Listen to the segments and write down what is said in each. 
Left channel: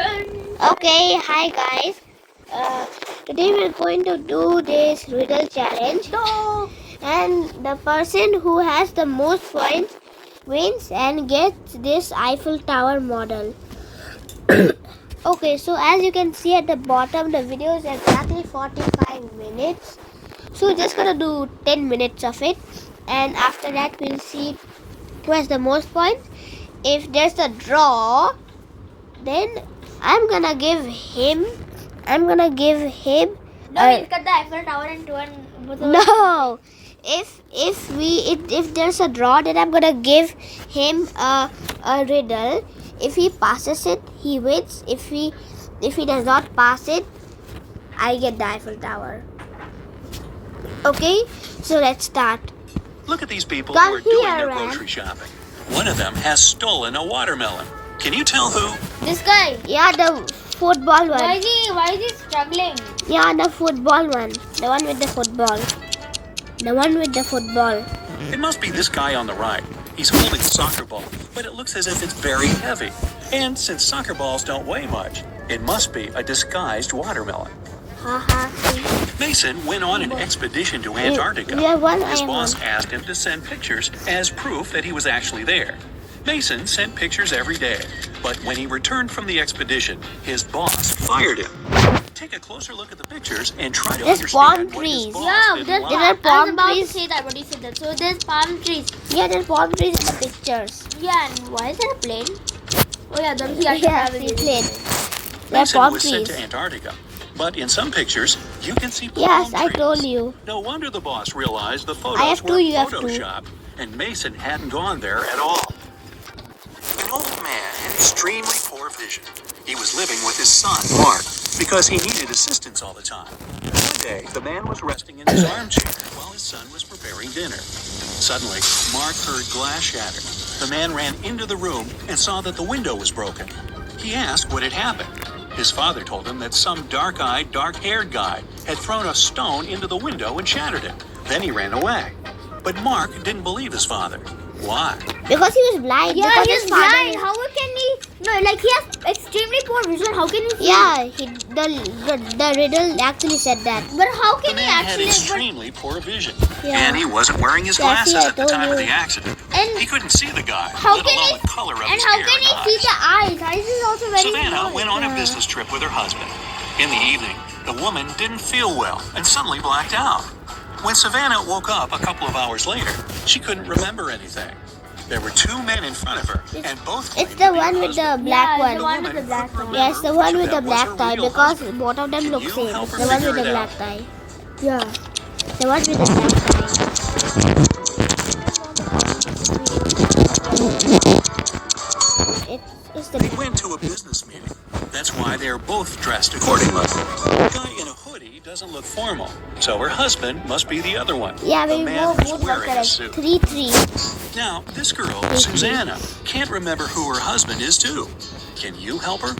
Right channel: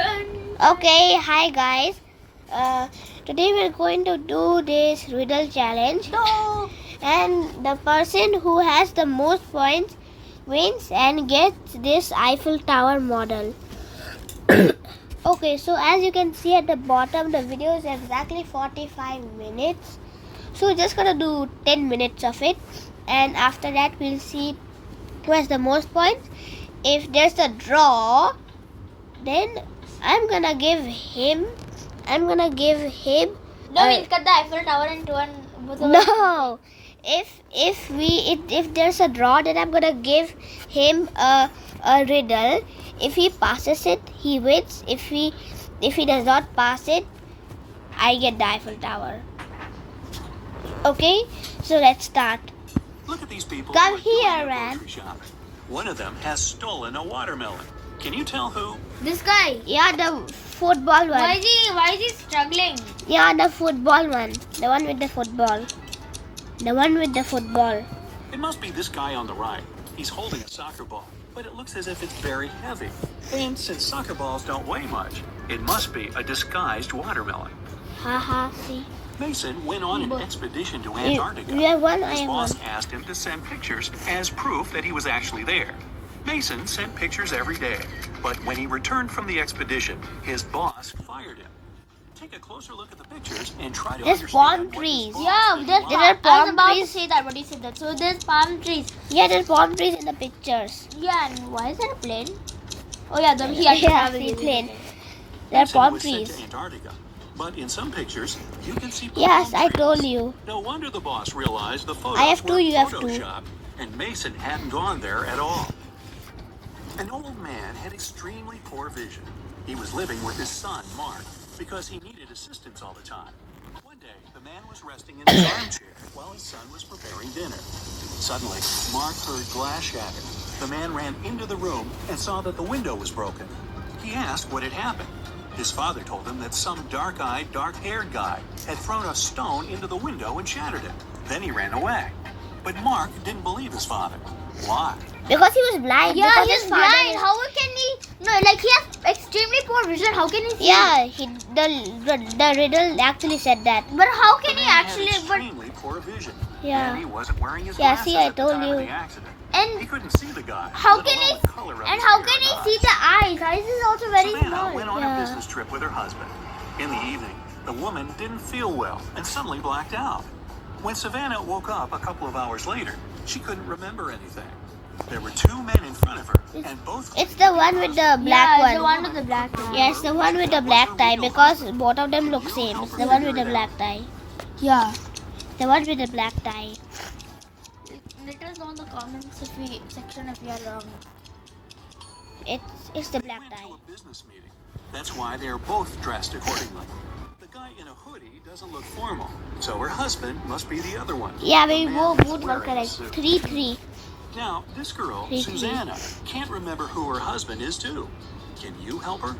Okay, hi guys. Today we're going to do this riddle challenge. And the person who has the most points wins and gets this Eiffel Tower model. Okay, so as you can see at the bottom, the video is exactly 45 minutes. So we're just gonna do 10 minutes of it, and after that we'll see who has the most points. If there's a draw, then I'm gonna give him. No, we'll cut the Eiffel Tower into one. No. If there's a draw, then I'm gonna give him a riddle. If he passes it, he wins. If he does not pass it, I get the Eiffel Tower. Okay, so let's start. Look at these people Come who are doing here, their Ram. grocery shopping. One of them has stolen a watermelon. Can you tell who? This guy. Yeah, the football one. Why is he struggling? Yeah, the football one. The one with the football. The one with the football. It must be this guy on the right. He's holding a soccer ball, but it looks as if it's very heavy. And since soccer balls don't weigh much, it must be a disguised watermelon. Haha. Mason went on an expedition to Antarctica. You have one, I His have boss one. asked him to send pictures as proof that he was actually there. Mason sent pictures every day, but when he returned from the expedition, his boss fired him. Take a closer look at the pictures and try to There's palm understand what his trees. boss Yeah, didn't there's like. There are I was palm about trees. to say that. What do you say that? So there's palm trees. Yeah, there's palm trees in the pictures. Yeah, and why is there a plane? Oh yeah, he has to Yeah, travel see with plane. it. There are Mason palm was sent trees. to Antarctica, but in some pictures, you can see palm Yes, I trees. told you. No wonder the boss realized the photos I have two, were you have two. photoshopped, and Mason hadn't gone there at all. An old man had extremely poor vision. He was living with his son, Mark, because he needed assistance all the time. One day, the man was resting in his armchair while his son was preparing dinner. Suddenly, Mark heard glass shatter. The man ran into the room and saw that the window was broken. He asked what had happened. His father told him that some dark-eyed, dark-haired guy had thrown a stone into the window and shattered it. Then he ran away. But Mark didn't believe his father. Why? Because he was blind. Yeah, because he's his father- blind. How can he? No, like he has extremely poor vision. How can he see? Yeah, the riddle actually said that. But how The can he man had actually? extremely poor vision. Yeah. And he wasn't wearing his Yeah, glasses see, I at the told time of you. the accident. And He couldn't see the guy, how let can alone he? the color of And his how hair can he and see eyes. the eyes? Eyes is also very Savannah small. went on a Yeah. business trip with her husband. In the evening, the woman didn't feel well and suddenly blacked out. When Savannah woke up a couple of hours later, she couldn't remember anything. There were two men in front of her, and both. It's the one with the black Yeah, one. the one with the black one. Yes, the one with the black tie, because both of them look you same. help It's her the one with figure the it black out? tie. Yeah. The one with the black tie. It's the They black went tie. to a business meeting. That's why they're both dressed accordingly. The guy in a hoodie doesn't look formal, so her husband must be the other one. Yeah, The we man both who's were wearing a correct. suit. 3-3. Now, this girl, Thank you. Susanna, can't remember who her husband is too. Can you help her?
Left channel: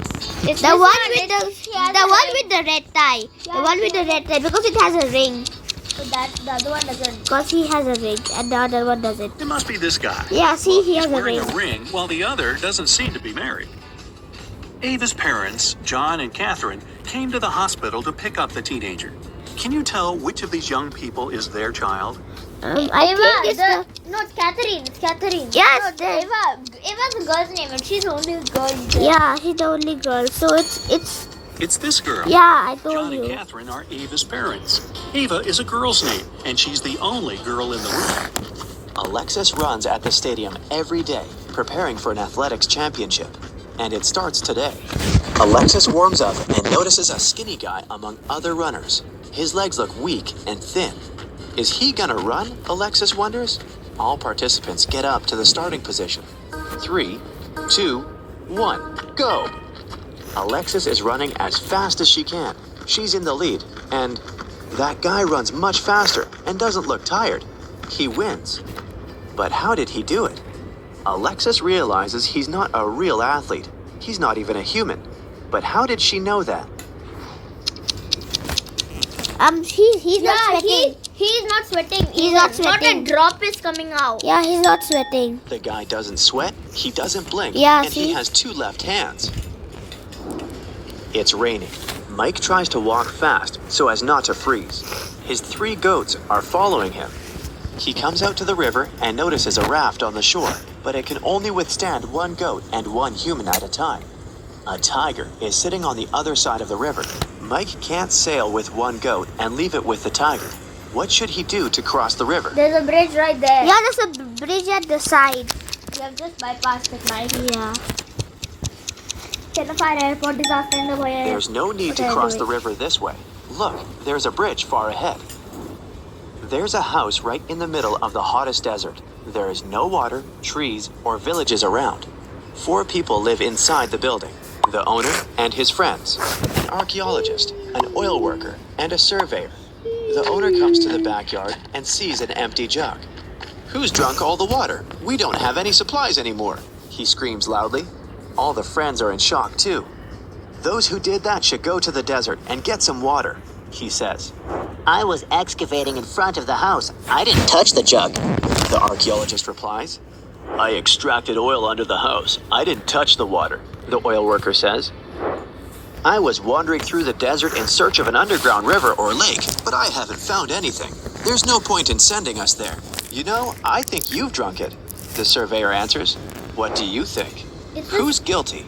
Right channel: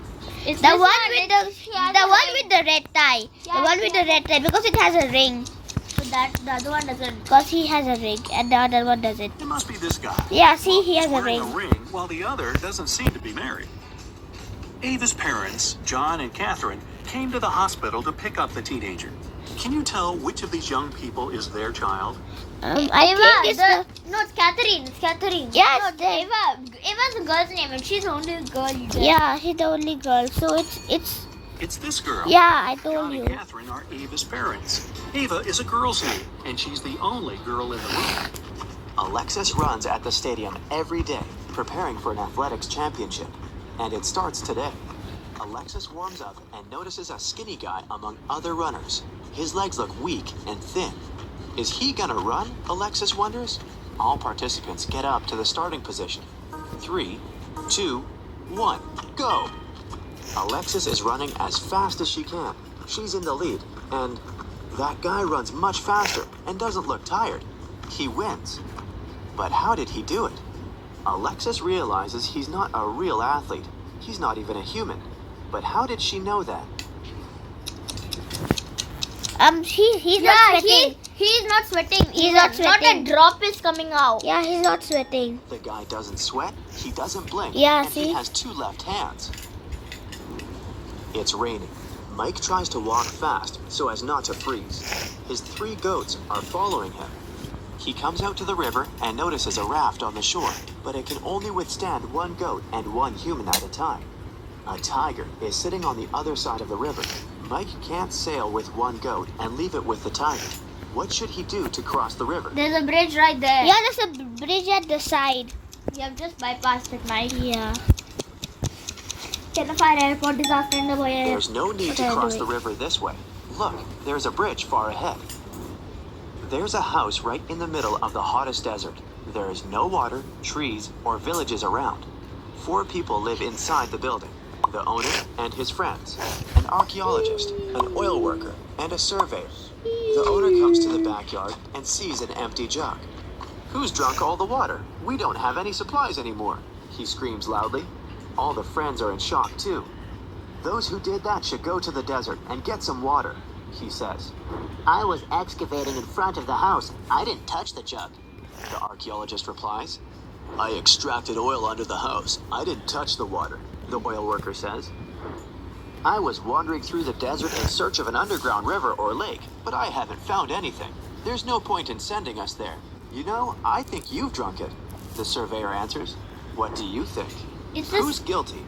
It's the one one, with he has the a one ring. with the red tie. The Yeah, one with the red tie, because it has a ring. But the other one doesn't. Because he has a ring and the other one doesn't. It must be this guy. Yeah, see, he has He's a wearing ring. while the other doesn't seem to be married. Ava's parents, John and Catherine, came to the hospital to pick up the teenager. Can you tell which of these young people is their child? I think it's the... No, it's Catherine. It's Catherine. Yes, No, the- Eva's the girl's name, and she's the only girl. There. Yeah, he's the only girl. So it's... It's this girl. Yeah, I told John and you. Catherine are Ava's parents. Ava is a girl's name, and she's the only girl in the room. Alexis runs at the stadium every day, preparing for an athletics championship. And it starts today. Alexis warms up and notices a skinny guy among other runners. His legs look weak and thin. Is he gonna run? Alexis wonders. All participants get up to the starting position. 3, 2, 1, go! Alexis is running as fast as she can. She's in the lead, and that guy runs much faster and doesn't look tired. He wins. But how did he do it? Alexis realizes he's not a real athlete. He's not even a human. But how did she know that? He's not sweating. He's not sweating. He's not Not a sweating. drop is coming out. Yeah, he's not sweating. The guy doesn't sweat, he doesn't blink, Yeah, and see? he has 2 left hands. It's raining. Mike tries to walk fast so as not to freeze. His 3 goats are following him. He comes out to the river and notices a raft on the shore, but it can only withstand 1 goat and 1 human at a time. A tiger is sitting on the other side of the river. Mike can't sail with 1 goat and leave it with the tiger. What should he do to cross the river? There's a bridge right there. Yeah, there's a bridge at the side. We have just bypassed it, Mike. Yeah. Fire airport disaster in the way. There's no need to cross the river this way. Look, there's a bridge far ahead. There's a house right in the middle of the hottest desert. There is no water, trees, or villages around. 4 people live inside the building. The owner and his friends, an archaeologist, an oil worker, and a surveyor. The owner comes to the backyard and sees an empty jug. "Who's drunk all the water? We don't have any supplies anymore," he screams loudly. All the friends are in shock too. "Those who did that should go to the desert and get some water," he says. I was excavating in front of the house. I didn't touch the jug. The archaeologist replies. "I extracted oil under the house. I didn't touch the water," the oil worker says. "I was wandering through the desert in search of an underground river or lake, but I haven't found anything. There's no point in sending us there. You know, I think you've drunk it," the surveyor answers. "What do you think? Who's guilty?"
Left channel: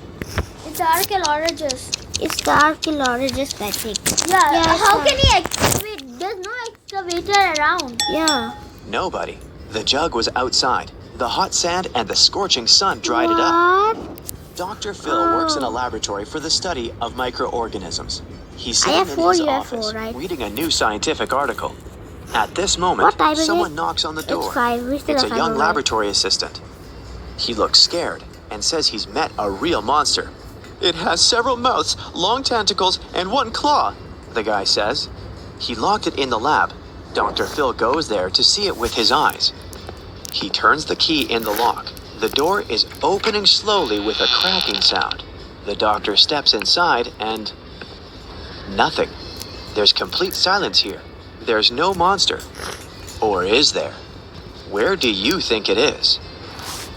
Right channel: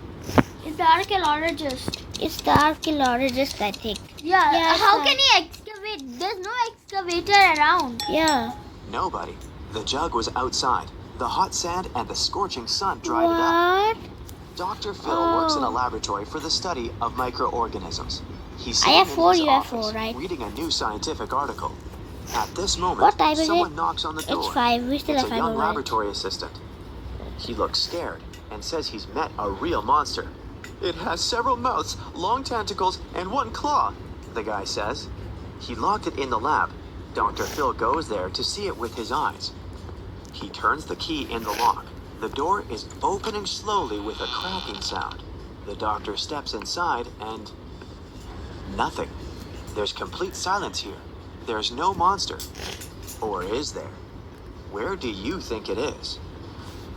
It's the archaeologist. It's the archaeologist, I think. Yeah. it's How a- can he excavate? There's no excavator around. Yeah. Nobody. The jug was outside. The hot sand and the scorching sun dried it up. What? Dr. Phil works in a laboratory for the study of microorganisms. He's I sitting have in 4 his UFO, office right? reading a new scientific article. At this moment, What time is someone it? knocks on the door. It's 5. We still It's have a 5 young more minutes. laboratory assistant. He looks scared and says he's met a real monster. "It has several mouths, long tentacles, and 1 claw," the guy says. He locked it in the lab. Dr. Phil goes there to see it with his eyes. He turns the key in the lock. The door is opening slowly with a cracking sound. The doctor steps inside and... nothing. There's complete silence here. There's no monster. Or is there? Where do you think it is?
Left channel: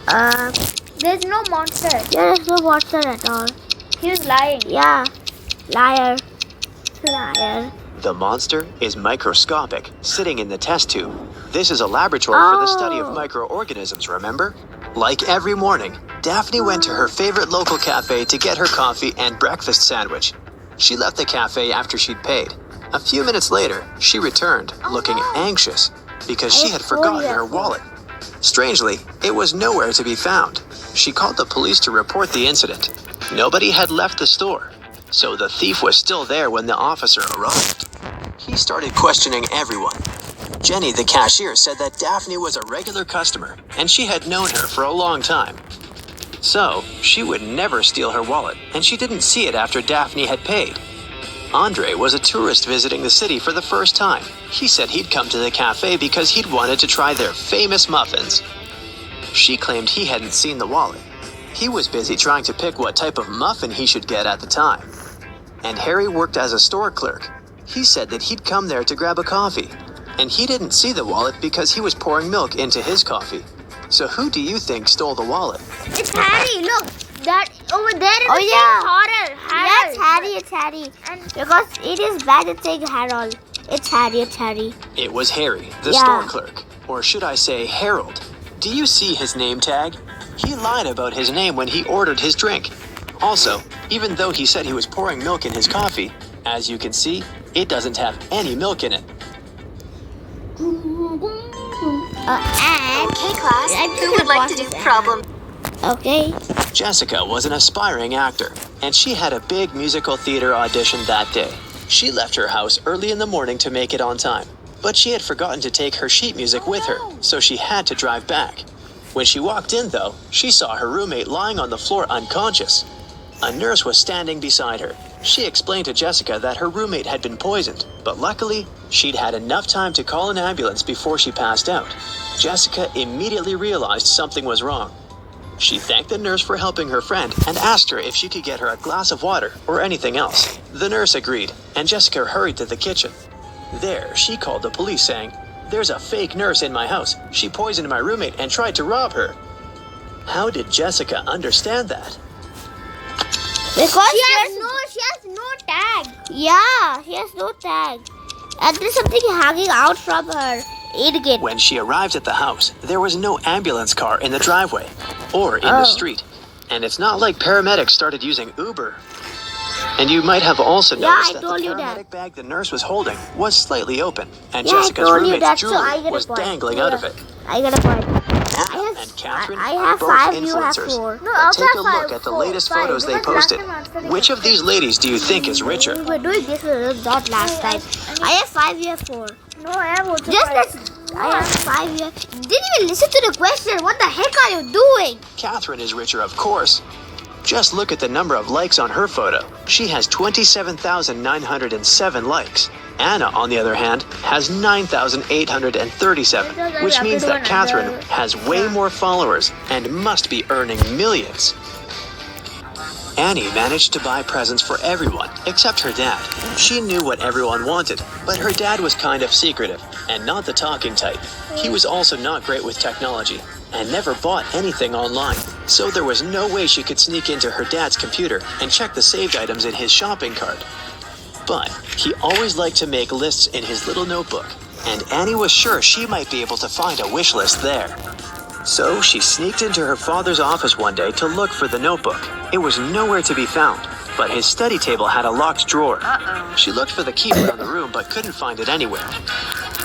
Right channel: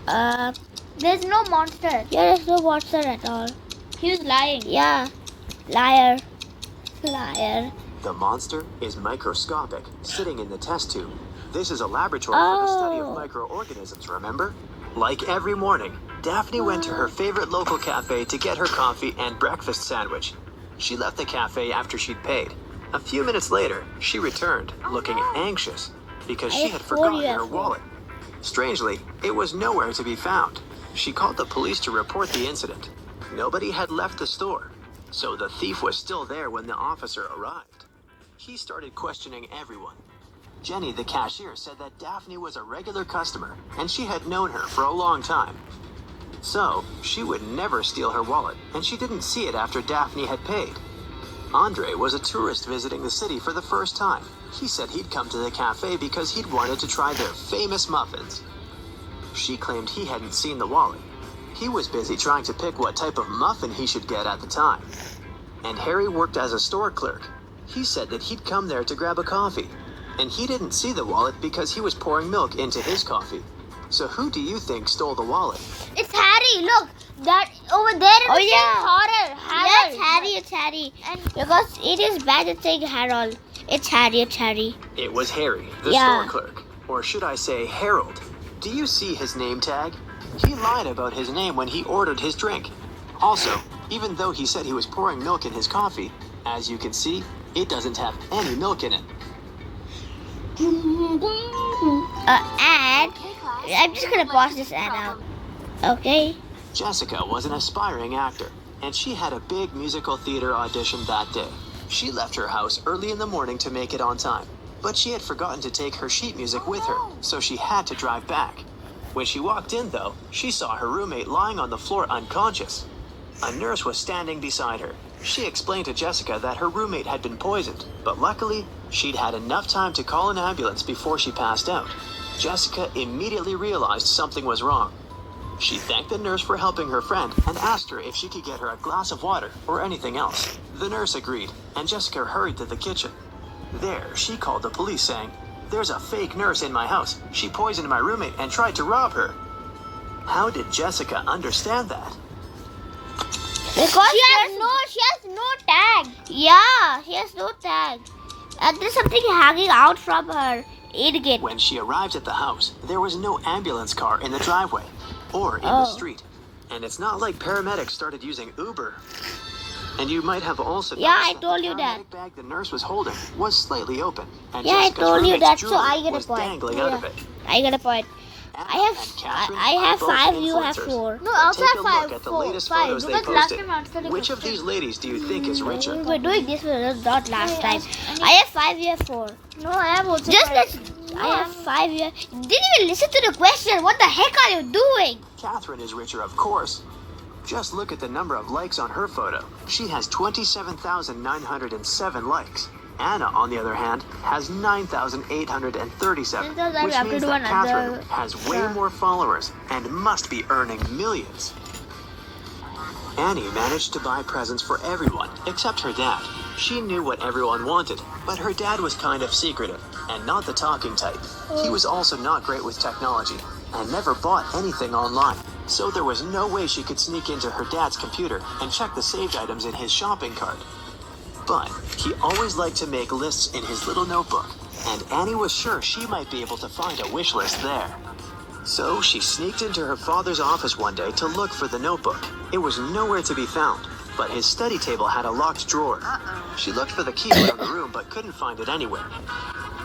There's no monster. There is no monster at all. He was lying. Yeah. Liar. Liar. The monster is microscopic, sitting in the test tube. This is a laboratory for the study of Oh. microorganisms, remember? Like every morning, Daphne went to her favorite local cafe to get her coffee and breakfast sandwich. She left the cafe after she'd paid. A few minutes later, she returned, looking anxious, because she had forgotten her wallet. Strangely, it was nowhere to be found. She called the police to report the incident. Nobody had left the store, so the thief was still there when the officer arrived. He started questioning everyone. Jenny, the cashier, said that Daphne was a regular customer, and she had known her for a long time. So, she would never steal her wallet, and she didn't see it after Daphne had paid. Andre was a tourist visiting the city for the first time. He said he'd come to the cafe because he'd wanted to try their famous muffins. She claimed he hadn't seen the wallet. He was busy trying to pick what type of muffin he should get at the time. And Harry worked as a store clerk. He said that he'd come there to grab a coffee, and he didn't see the wallet because he was pouring milk into his coffee. So who do you think stole the wallet? It's Harry. Look, that over there is Oh, the yeah. horror. Yes, Harry, it's Harry. And Because it is bad at saying Harold. It's Harry, it's Harry. It was Harry, the Yeah. store clerk. Or should I say Harold? Do you see his name tag? He lied about his name when he ordered his drink. Also, even though he said he was pouring milk in his coffee, as you can see, it doesn't have any milk in it. And Okay, class. I'm just Who gonna would like pause to do this ad. problem? Okay. Jessica was an aspiring actor, and she had a big musical theater audition that day. She left her house early in the morning to make it on time, but she had forgotten to take her sheet music with her, so she had to drive back. When she walked in, though, she saw her roommate lying on the floor unconscious. A nurse was standing beside her. She explained to Jessica that her roommate had been poisoned, but luckily, she'd had enough time to call an ambulance before she passed out. Jessica immediately realized something was wrong. She thanked the nurse for helping her friend and asked her if she could get her a glass of water or anything else. The nurse agreed, and Jessica hurried to the kitchen. There, she called the police saying, "There's a fake nurse in my house. She poisoned my roommate and tried to rob her." How did Jessica understand that? Because she has no tag. Yeah, he has no tag. And there's something hanging out from her ingate. When she arrived at the house, there was no ambulance car in the driveway or in the street. And it's not like paramedics started using Uber. And you might have also noticed that the paramedic bag the nurse was holding was slightly open, and Jessica's roommate's jewelry was dangling out of it. I got a point. Anna and Catherine I have both 5, you have influencers. 4. No, I also Take a have look 5. at the latest photos they posted. Which of these ladies do you think is richer? We were doing this not last time. I have 5, you have 4. No, I have also Just 5. as I have 5, you have... Didn't even listen to the question. What the heck are you doing? Catherine is richer, of course. Just look at the number of likes on her photo. She has 27,907 likes. Anna, on the other hand, has 9,837, which means that Catherine has way more followers and must be earning millions. Annie managed to buy presents for everyone except her dad. She knew what everyone wanted, but her dad was kind of secretive and not the talking type. He was also not great with technology and never bought anything online, so there was no way she could sneak into her dad's computer and check the saved items in his shopping cart. But he always liked to make lists in his little notebook, and Annie was sure she might be able to find a wish list there. So she sneaked into her father's office one day to look for the notebook. It was nowhere to be found, but his study table had a locked drawer. She looked for the key around the room but couldn't find it anywhere.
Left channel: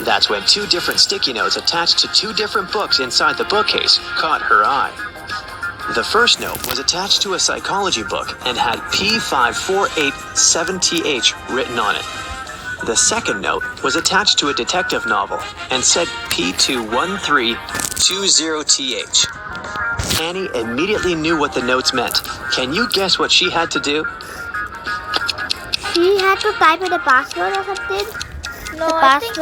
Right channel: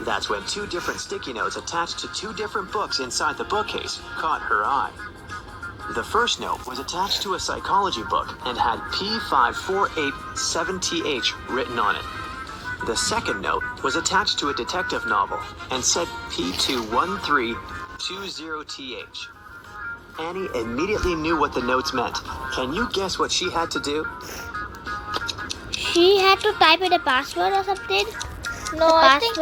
That's when 2 different sticky notes attached to 2 different books inside the bookcase caught her eye. The first note was attached to a psychology book and had P5487TH written on it. The second note was attached to a detective novel and said P21320TH. Annie immediately knew what the notes meant. Can you guess what she had to do? She had to type in a password or something. No, I think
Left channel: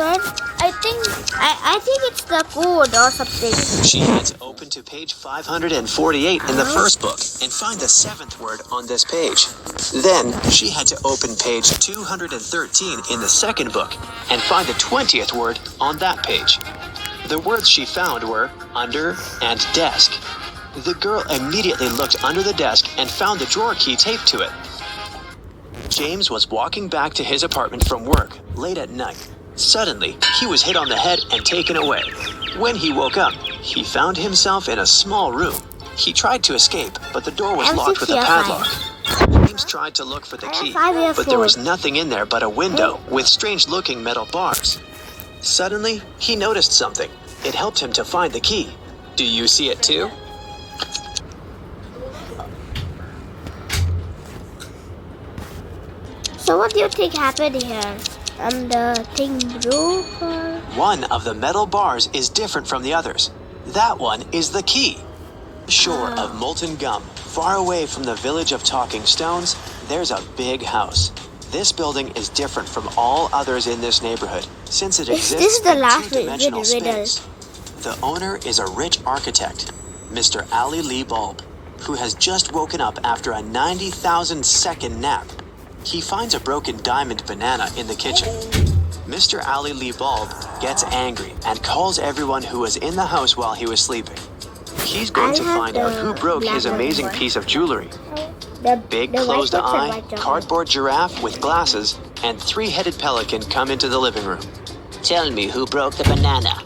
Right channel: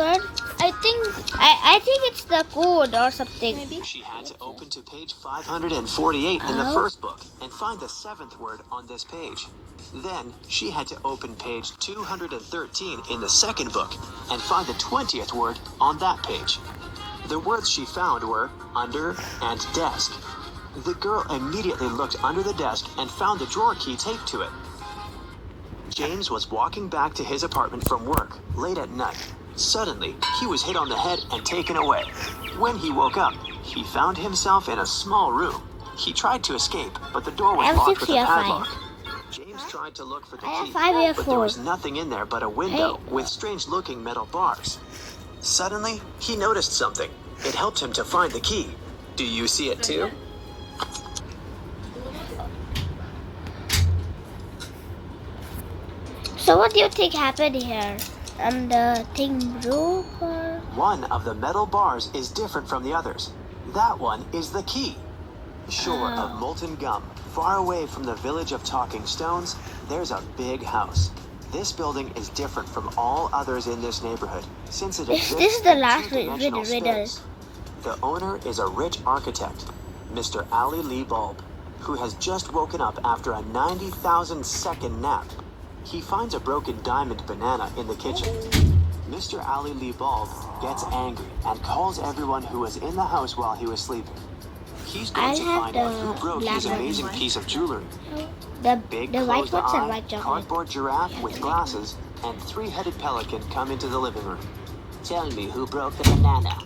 it's the code or something. She had to open to page 548 in the first book and find the 7th word on this page. Then she had to open page 213 in the second book and find the 20th word on that page. The words she found were under and desk. The girl immediately looked under the desk and found the drawer key taped to it. James was walking back to his apartment from work late at night. Suddenly, he was hit on the head and taken away. When he woke up, he found himself in a small room. He tried to escape, but the door was locked with a padlock. James tried to look for the key, but there was nothing in there but a window with strange-looking metal bars. Suddenly, he noticed something. It helped him to find the key. Do you see it too? So what do you think happened here? The thing broke or... One of the metal bars is different from the others. That one is the key. Shore of molten gum, far away from the village of talking stones, there's a big house. This building is different from all others in this neighborhood, since it exists This is the in last two-dimensional riddle. space. The owner is a rich architect, Mr. Ali Lee Bulb, who has just woken up after a 90,000-second nap. He finds a broken diamond banana in the kitchen. Mr. Ali Lee Bulb gets angry and calls everyone who was in the house while he was sleeping. He's going to find out who broke his amazing piece of jewelry. Big closed eye, cardboard giraffe with glasses, and 3-headed pelican come into the living room. Tell me who broke the banana.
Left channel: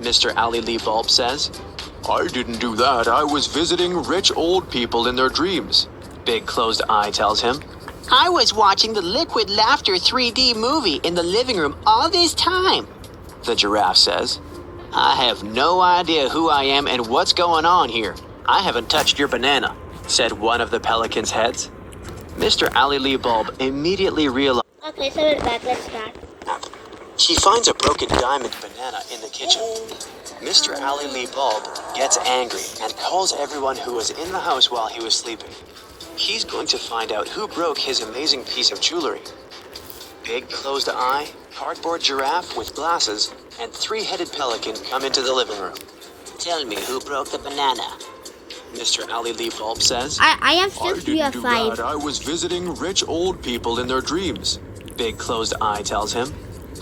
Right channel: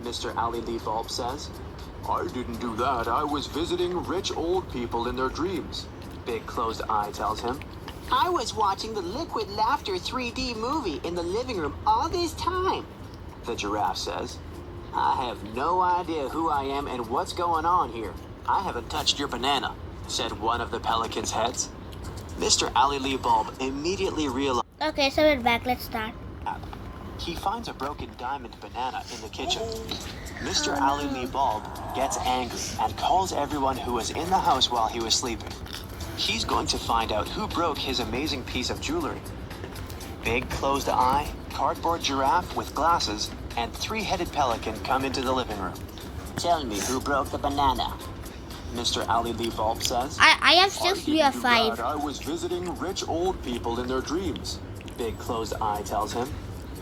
Mr. Ali Lee Bulb says, I didn't do that. I was visiting rich old people in their dreams. Big closed eye tells him. I was watching the Liquid Laughter 3D movie in the living room all this time. The giraffe says, I have no idea who I am and what's going on here. I haven't touched your banana, said one of the pelican's heads. Mr. Ali Lee Bulb immediately realized. Okay, so we're back. Let's start. He finds a broken diamond banana in the kitchen. Mr. Ali Lee Bulb gets angry and calls everyone who was in the house while he was sleeping. He's going to find out who broke his amazing piece of jewelry. Big closed eye, cardboard giraffe with glasses, and 3-headed pelican come into the living room. Tell me who broke the banana. Mr. Ali Lee Bulb says, I have 6, you have 5. I was visiting rich old people in their dreams. Big closed eye tells him.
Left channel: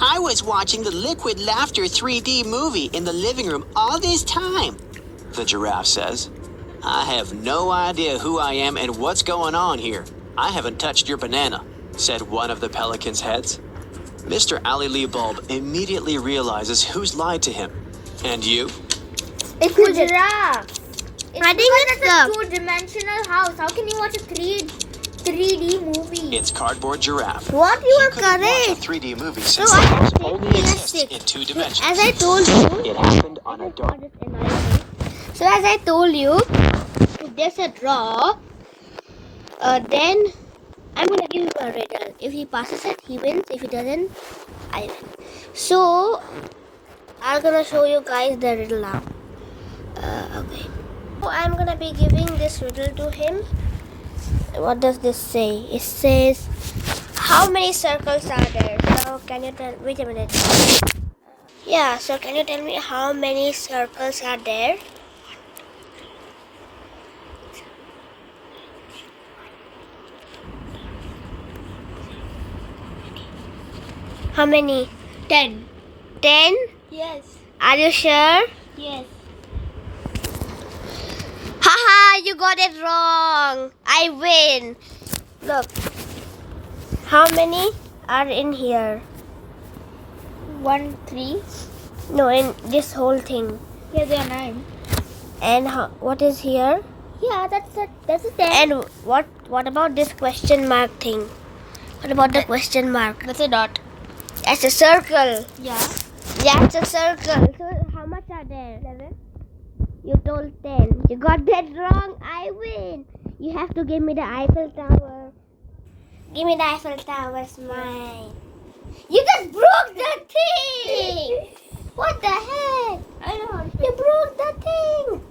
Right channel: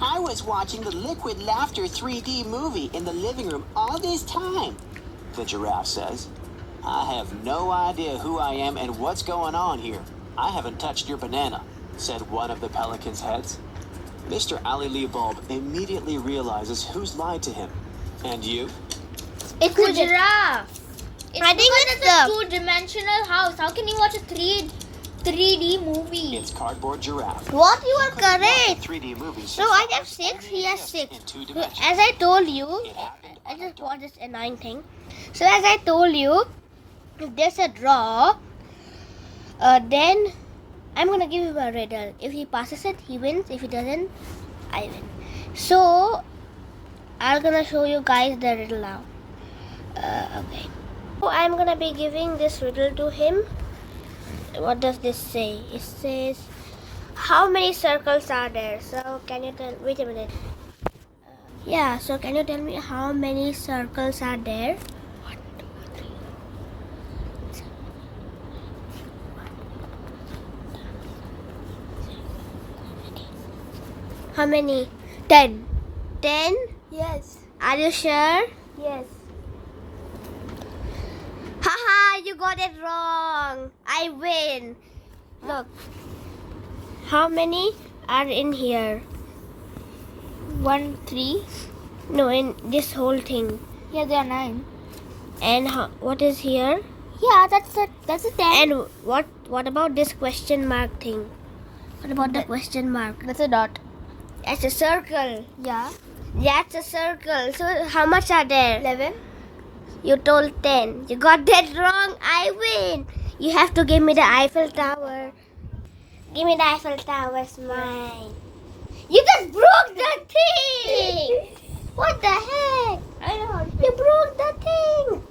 I was watching the Liquid Laughter 3D movie in the living room all this time. The giraffe says, I have no idea who I am and what's going on here. I haven't touched your banana, said one of the pelican's heads. Mr. Ali Lee Bulb immediately realizes who's lied to him. And you? It's a giraffe. I think it's a two-dimensional house. How can you watch a 3D movie? It's cardboard giraffe. What you are He couldn't watch a correct. 3D movie So since I the have house 6, only he has exists 6. in 2 So dimensions. as I told you, It happened I on a just dark. got this annoying thing. So as I told you, if there's a draw, then I'm gonna give him a riddle. If he passes it, he wins. If he doesn't, I win. So I'm gonna show you guys the riddle now. Okay. So I'm gonna be giving this riddle to him. What does this say? It says, how many circles are there? So can you tell? Wait a minute. Yeah. So can you tell me how many circles are there? How many? 10. 10? Yes. Are you sure? Yes. Haha, you got it wrong. I win. Look. How many are in here? 1, 3. No, in this whole thing. Yeah, there are 9. And what is here? Yeah, that's it. That's a 10. And what about this question mark thing? What about the question mark? That's a dot. That's a circle. Yeah. That's a circle. So how much are there? 11. You told 10. You got that wrong. I win. You have to give me the Eiffel Tower. Give me the Eiffel Tower. It's mine. You just broke the thing. What the heck? I don't. You broke the thing.